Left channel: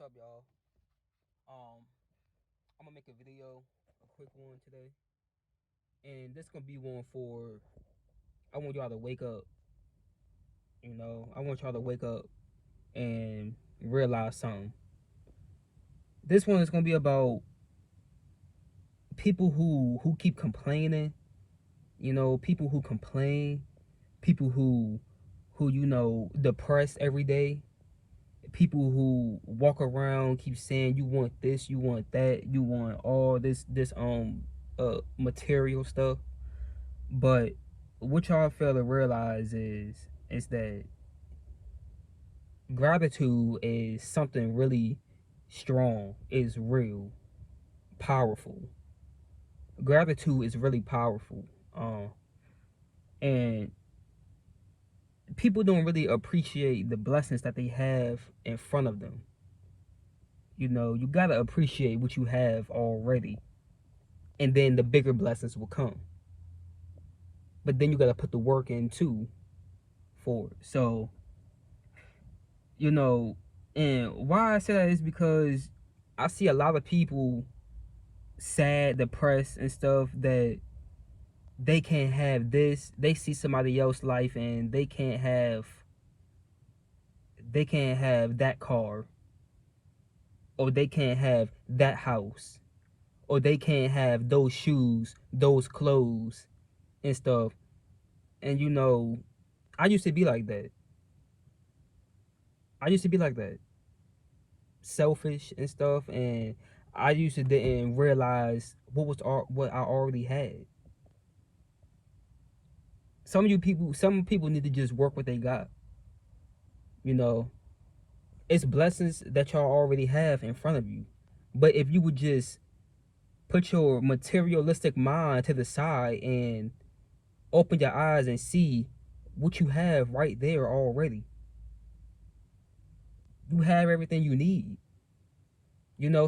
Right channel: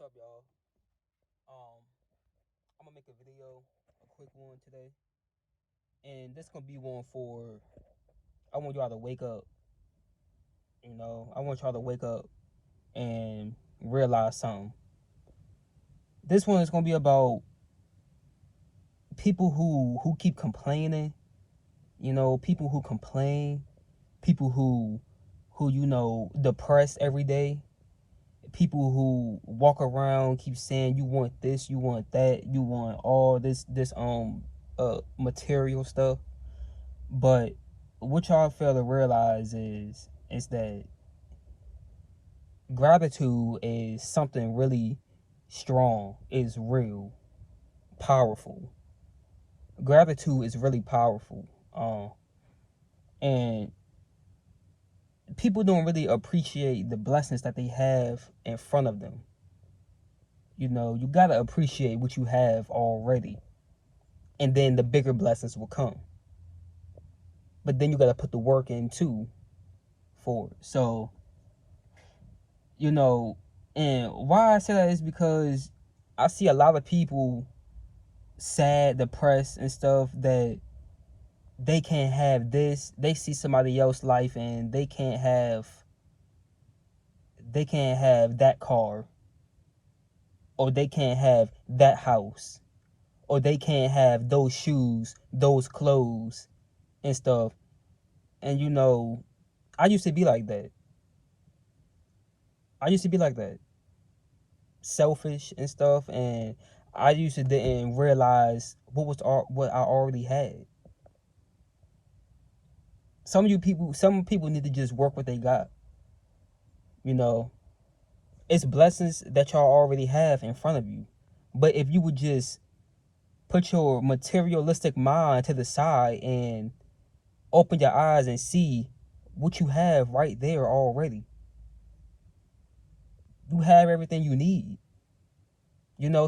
What's up, y'all? I'm gonna make a video, a quick one today, and this gonna be one for. I want y'all to wake up. I want y'all to wake up and realize something. This one is gonna be about people who keep complaining. People who complain, people who depressed every day. People who walk around keep saying you want this, you want that, you want all this material stuff. But what y'all fail to realize is that gratitude is something really strong, is real, powerful. Gratitude is really powerful. And people don't really appreciate the blessings that they have in front of them. You gotta appreciate what you have already, and then the bigger blessings will come. But then you gotta put the work in too for it. So, and why I say that is because I see a lot of people sad, depressed, and stuff that they can't have this. They see somebody else's life and they can't have that car, or they can't have that house, or they can't have those shoes, those clothes, and stuff. And I used to be like that. I used to be like that, selfish and stuff, and I used to didn't realize what I already had. Some people need to just work what they got. You know, it's blessings that y'all already have in front of you. But if you would just put your materialistic mind to the side and open your eyes and see what you have right there already, you have everything you need.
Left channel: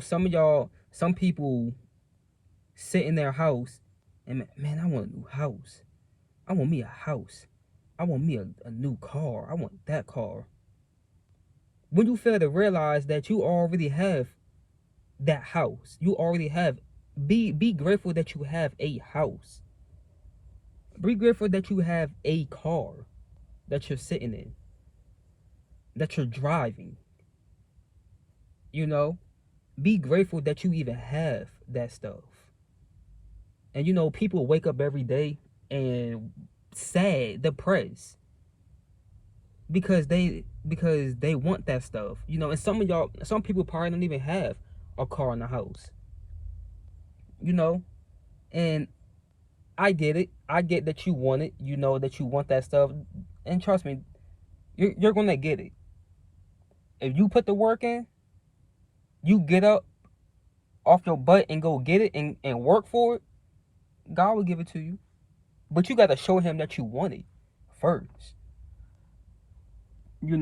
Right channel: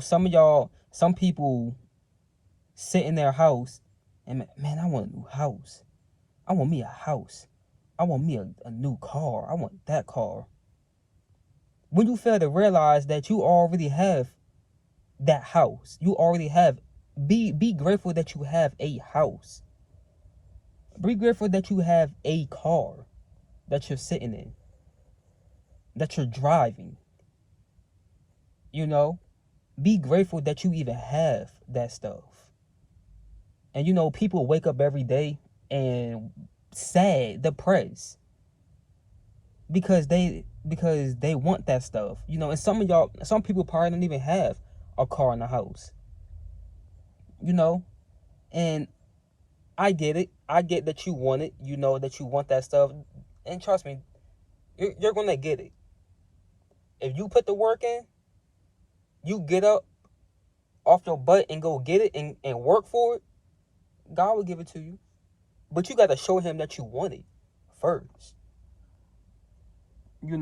Some people sit in their house and, man, I want a new house. I want me a house. I want me a new car. I want that car. When you fail to realize that you already have that house, you already have, be grateful that you have a house. Be grateful that you have a car that you're sitting in, that you're driving. Be grateful that you even have that stuff. And people wake up every day and sad, depressed, because they want that stuff. And some people probably don't even have a car in the house. And I get it. I get that you want it. That you want that stuff. And trust me, you're gonna get it. If you put the work in, you get up off your butt and go get it and work for it, God will give it to you. But you gotta show him that you want it first. It's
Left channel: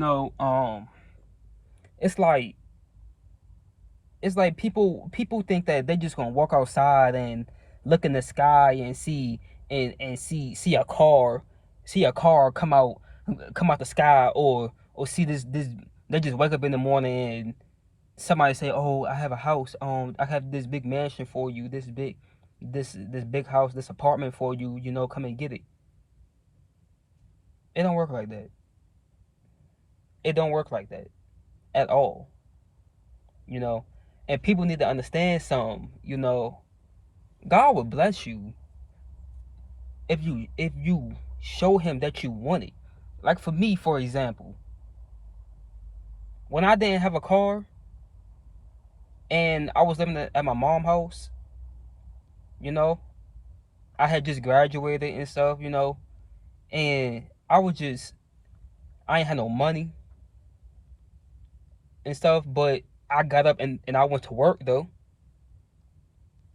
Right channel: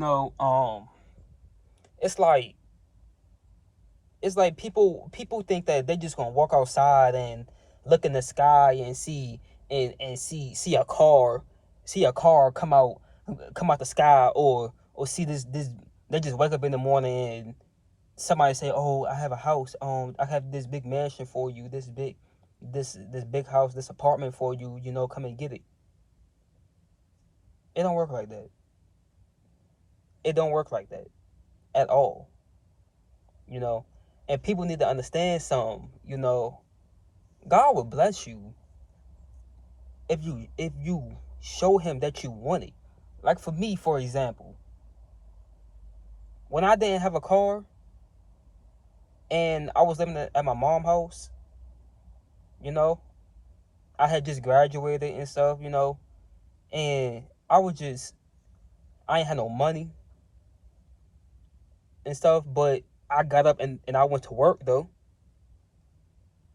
like people think that they just gonna walk outside and look in the sky and see a car come out the sky, or see this they just wake up in the morning and somebody say, oh, I have a house, I have this big mansion for you, this big house, this apartment for you, come and get it. It don't work like that. It don't work like that at all. And people need to understand something. God will bless you if you show him that you want it. Like for me, for example, when I didn't have a car and I was living at my mom's house, I had just graduated and stuff, and I ain't had no money and stuff, but I got up and I went to work though.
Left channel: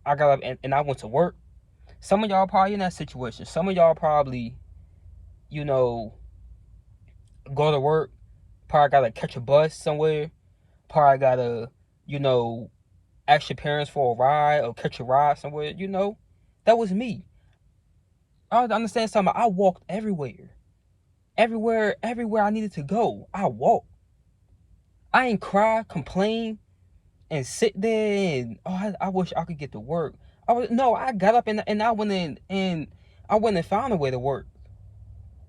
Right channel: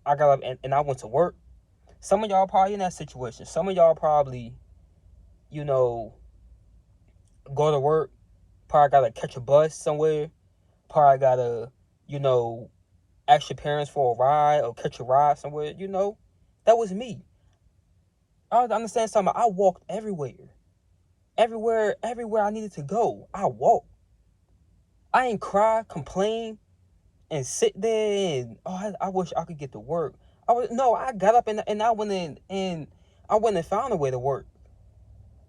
I got up and I went to work. Some of y'all probably in that situation. Some of y'all probably, you know, go to work, probably gotta catch a bus somewhere, probably gotta, you know, ask your parents for a ride or catch a ride somewhere, That was me. I understand something. I walked everywhere. Everywhere I needed to go. I walked. I ain't cry, complain, and sit there and I wish I could get to work. I got up and I went in and I went and found a way to work.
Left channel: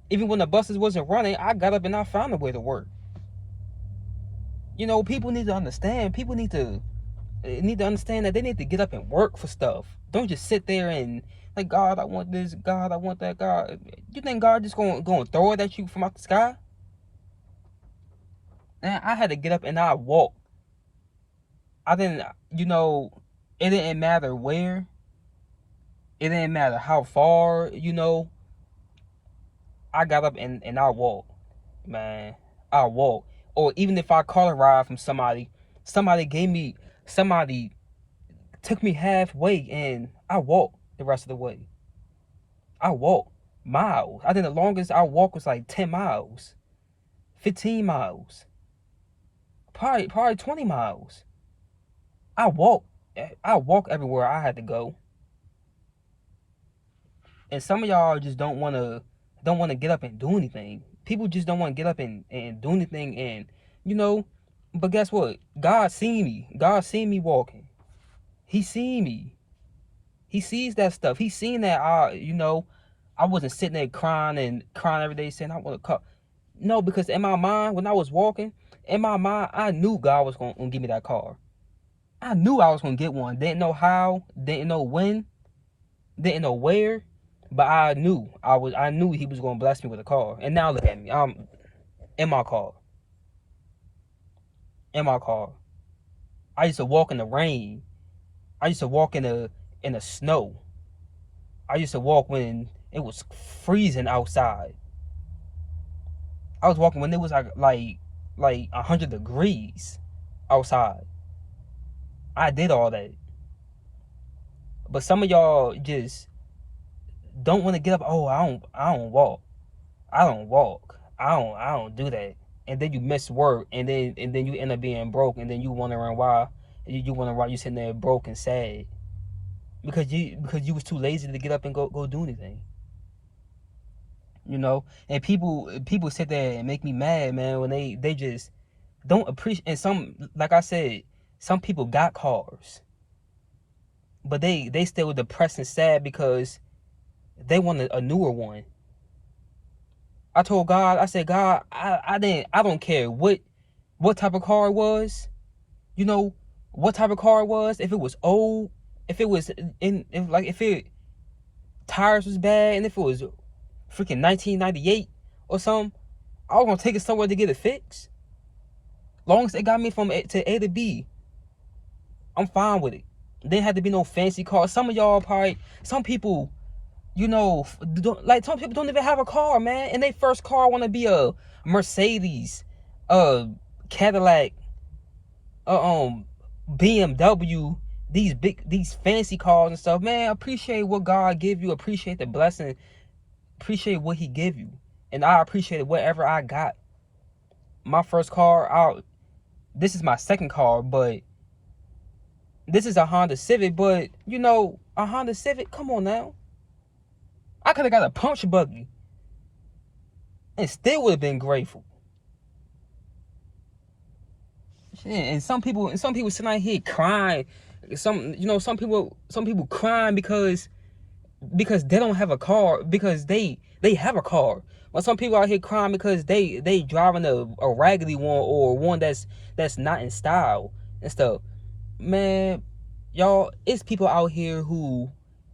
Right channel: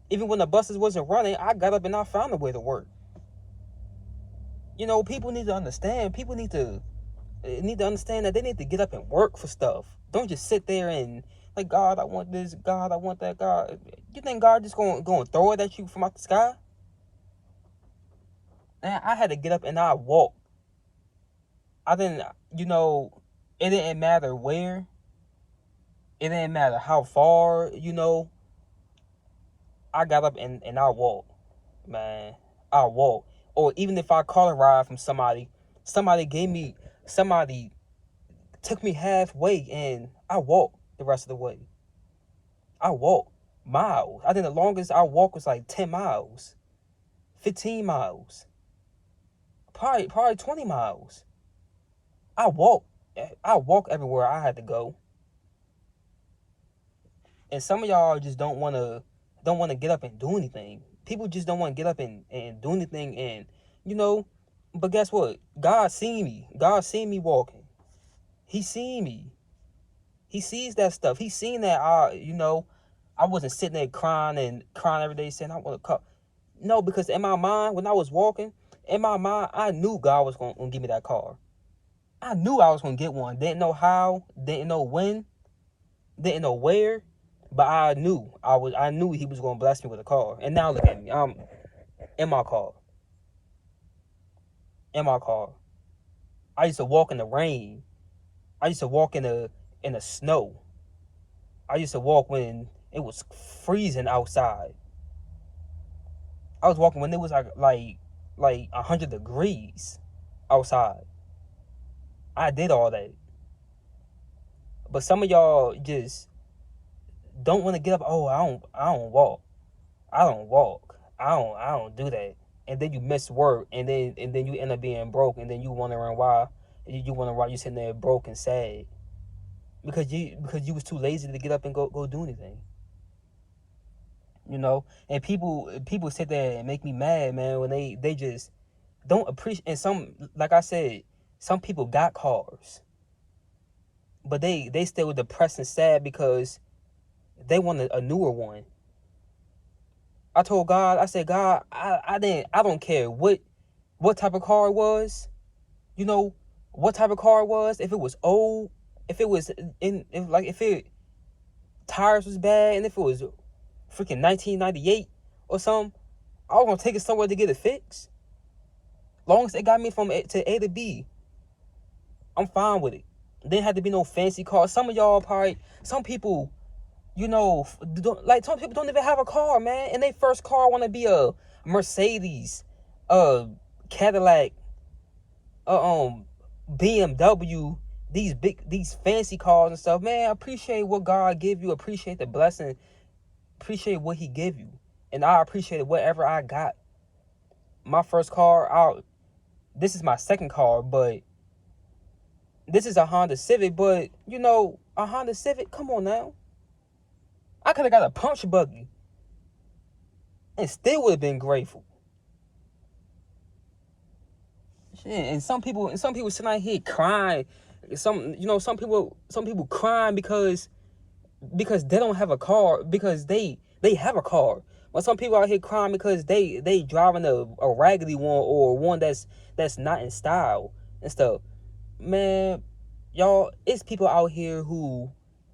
Even when the buses wasn't running, I got up and I found a way to work. People need to understand. People need to understand that they need to get up and work for stuff. Don't just sit there and like, God, I want this, God, I want that, God. You think God just going to throw it at you from out the sky? And I had to get up and I walked. I didn't, it didn't matter where. It didn't matter how far, I got up and I walked, man. I walked. Or even if I caught a ride from somebody somebody took me halfway and I walked the rest of the way. I walked miles. I think the longest I walked was like 10 miles, 15 miles, probably 20 miles. I walked everywhere I had to go. And some of y'all just don't want to get up and do anything. People just don't want to get up and do anything. And but guess what? God seen me walking. He seen me. He sees that stuff. He seen that I wasn't sitting there crying every day saying I want to cut. No, because in my mind, when I was walking, I knew God was going to give me that car. I knew I was going to get one. Didn't know how, didn't know when, didn't know where, but I knew he was going to bless me with a car. And now look at me. I'm in my car. I used to walk in the rain. I used to walk in the snow. I used to walk when it was freezing outside. I was walking when it was like 100 degrees outside. I did all that. But some of y'all just don't want to get up. Oh, I don't walk. I don't do that. And then you miss work, and then you end up being broke, and then you wondering why you sitting there broke and sad. Because you was too lazy to get up and go do anything. And people sit there and make me mad, man, when they just don't appreciate. And some, like I said, some people got cars, but they still depressed and sad because they want a newer one. I told God, I said, God, I don't care what type of car it was, what type of car it was, if it was old, if it was if it tires was bad, and if it was freaking 1998 or something, I was gonna take it somewhere to get it fixed. Long as it got me from A to B, I'm fine with it. There had to be no fancy car. Some of y'all probably, some people, some people don't even have a car, man. And their first car want to be a Mercedes, a Cadillac, BMW, these fancy cars and stuff. Man, appreciate what God give you. Appreciate the blessing. Appreciate what He give you. And I appreciate whatever I got. My first car, this is my second car, but this is a Honda Civic. But a Honda Civic, come on now. I could have got a punch buggy and still would have been grateful. Shit, and some people sitting out here crying. Some people crying because they don't have a car, because they have a car. But some people out here crying because they driving a raggedy one, or one that's not in style and stuff. Man, y'all, it's people out here who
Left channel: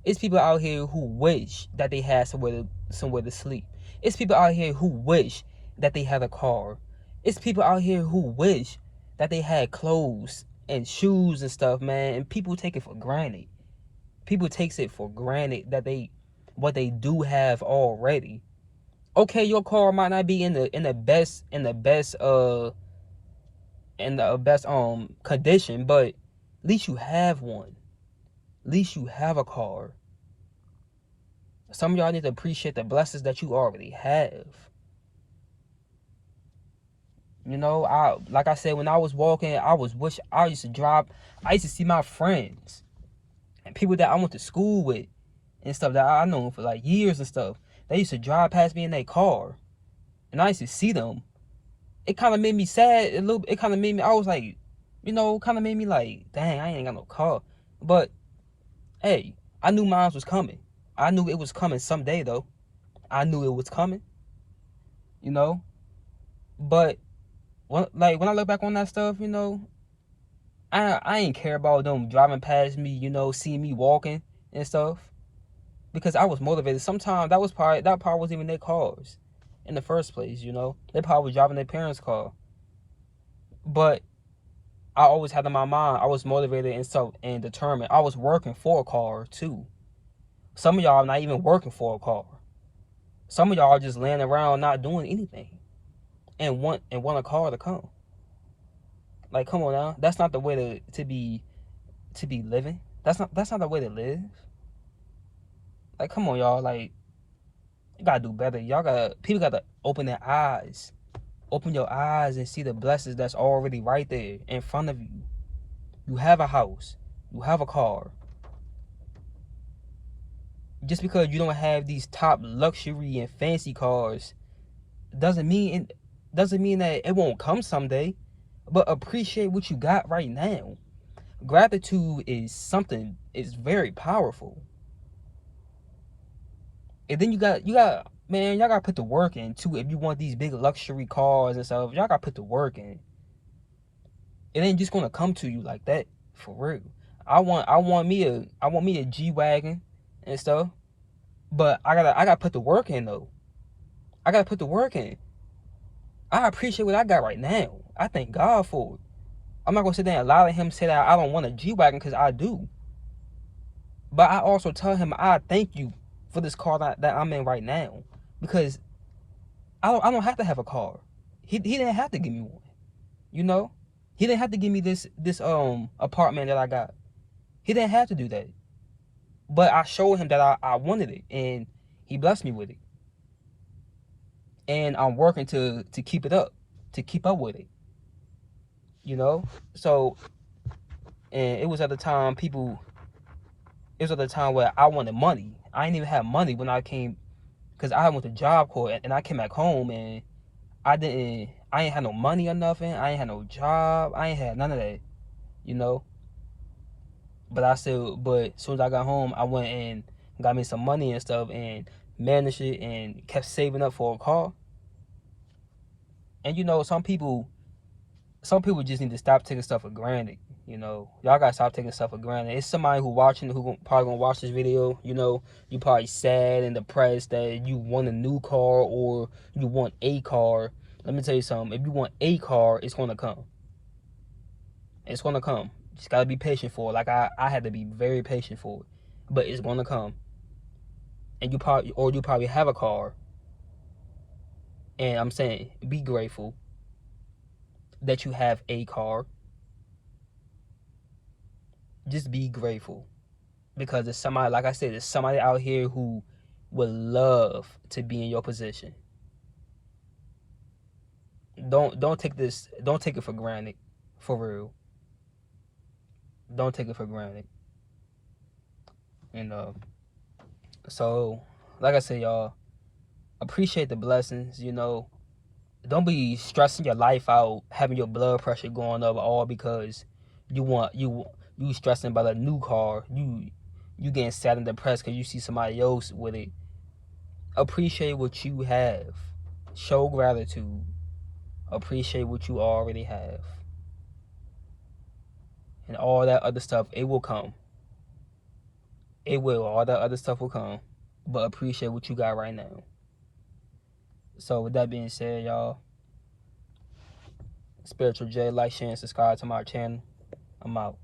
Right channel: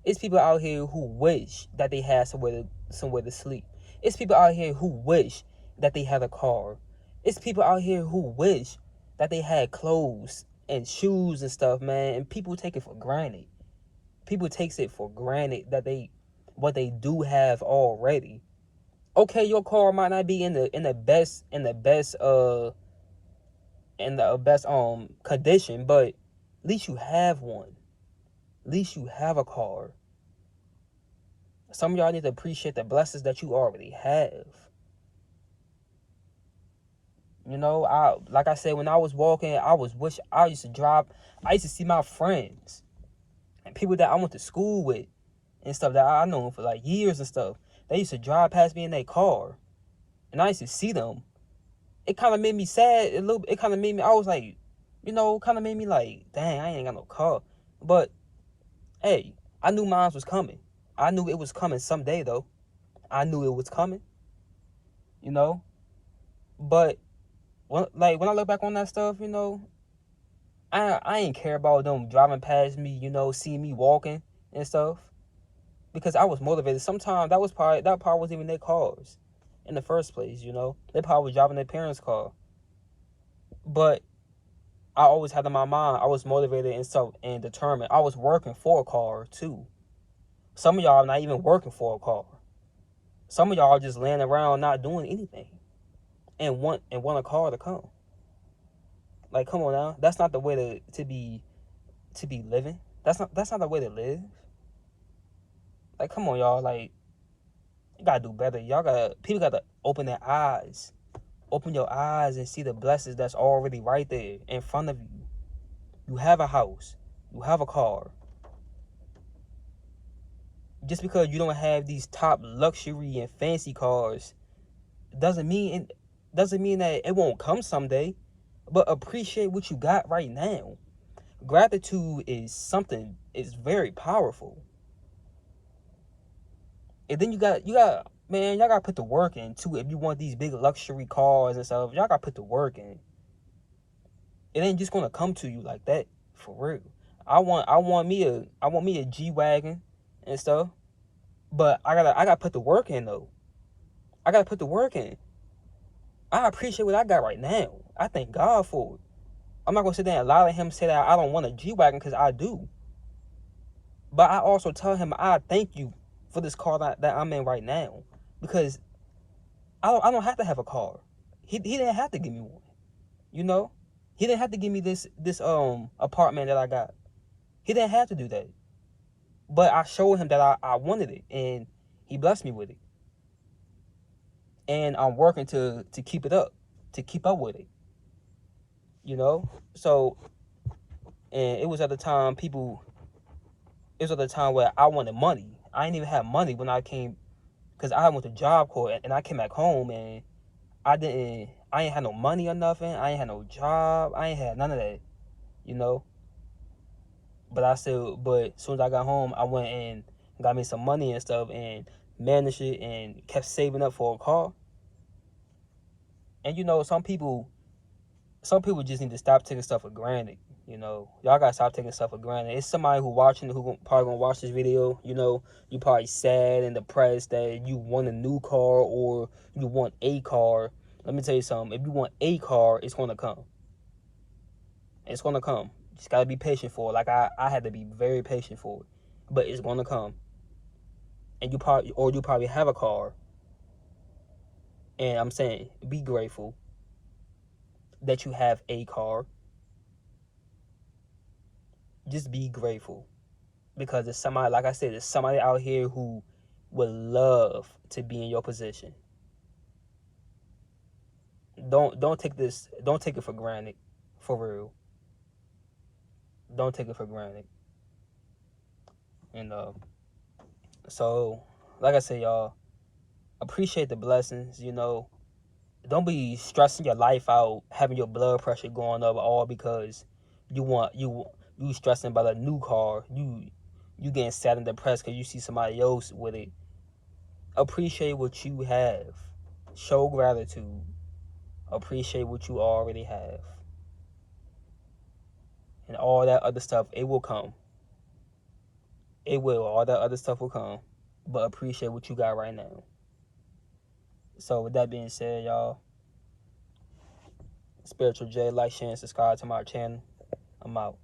wish that they had somewhere to sleep. It's people out here who wish that they had a car. It's people out here who wish that they had clothes and shoes and stuff, man. And people take it for granted. People takes it for granted that what they do have already. Okay, your car might not be in the best condition, but at least you have one. At least you have a car. Some of y'all need to appreciate the blessings that you already have. Like I said, when I was walking, I used to see my friends and people that I went to school with and stuff that I know for like years and stuff. They used to drive past me in their car, and I used to see them. It kind of made me sad a little. It kind of made me. I was like, kind of made me like, dang, I ain't got no car. But hey, I knew mine was coming. I knew it was coming someday though. I knew it was coming, you know. But when I look back on that stuff, I ain't care about them driving past me, seeing me walking and stuff, because I was motivated. Sometimes that part wasn't even their cars in the first place, They probably was driving their parents' car. But I always had in my mind I was motivated and stuff and determined. I was working for a car too. Some of y'all are not even working for a car. Some of y'all are just laying around not doing anything and want a car to come. Like, come on now. That's not the way to be living. That's not the way to live. Like, come on, y'all. Like, you gotta do better. People gotta open their eyes. Open your eyes and see the blessings that's already right there in front of you. You have a house. You have a car. Just because you don't have these top luxury and fancy cars doesn't mean that it won't come someday. But appreciate what you got right now. Gratitude is very powerful. And then you got man, y'all gotta put the work in too. If you want these big luxury cars and stuff, y'all gotta put the work in. It ain't just gonna come to you like that, for real. I want me a G-Wagon and stuff, but I gotta put the work in though. I gotta put the work in. I appreciate what I got right now. I thank God for it. I'm not gonna sit there and lie to him, say that I don't want a G-Wagon, because I do. But I also tell him I thank you for this car that I'm in right now, because I don't have to have a car. He didn't have to give me one. He didn't have to give me this apartment that I got. He didn't have to do that. But I showed him that I wanted it, and he blessed me with it. And I'm working to keep it up, to keep up with it. So, and it was at the time where I wanted money. I didn't even have money when I came, because I went to Job Corps, and I came back home, and I ain't had no money or nothing. I ain't had no job. I ain't had none of that, But as soon as I got home, I went and got me some money and stuff, and managed it, and kept saving up for a car. And some people just need to stop taking stuff for granted. Y'all gotta stop taking stuff for granted. It's somebody who probably gonna watch this video. You probably sad and depressed that you want a new car, or you want a car. Let me tell you something. If you want a car, it's gonna come. It's gonna come. Just gotta be patient for it. Like I had to be very patient for it, but it's gonna come. And you probably have a car. And I'm saying, be grateful that you have a car. Just be grateful, because there's somebody, like I said, there's somebody out here who would love to be in your position. Don't take it for granted, for real. Don't take it for granted. And so, like I said, y'all, appreciate the blessings. Don't be stressing your life out, having your blood pressure going up, all because you stressing about a new car. You getting sad and depressed because you see somebody else with it. Appreciate what you have. Show gratitude. Appreciate what you already have. And all that other stuff, it will come. It will. All that other stuff will come. But appreciate what you got right now. So with that being said, y'all, Spiritual J, like, share, and subscribe to my channel. I'm out.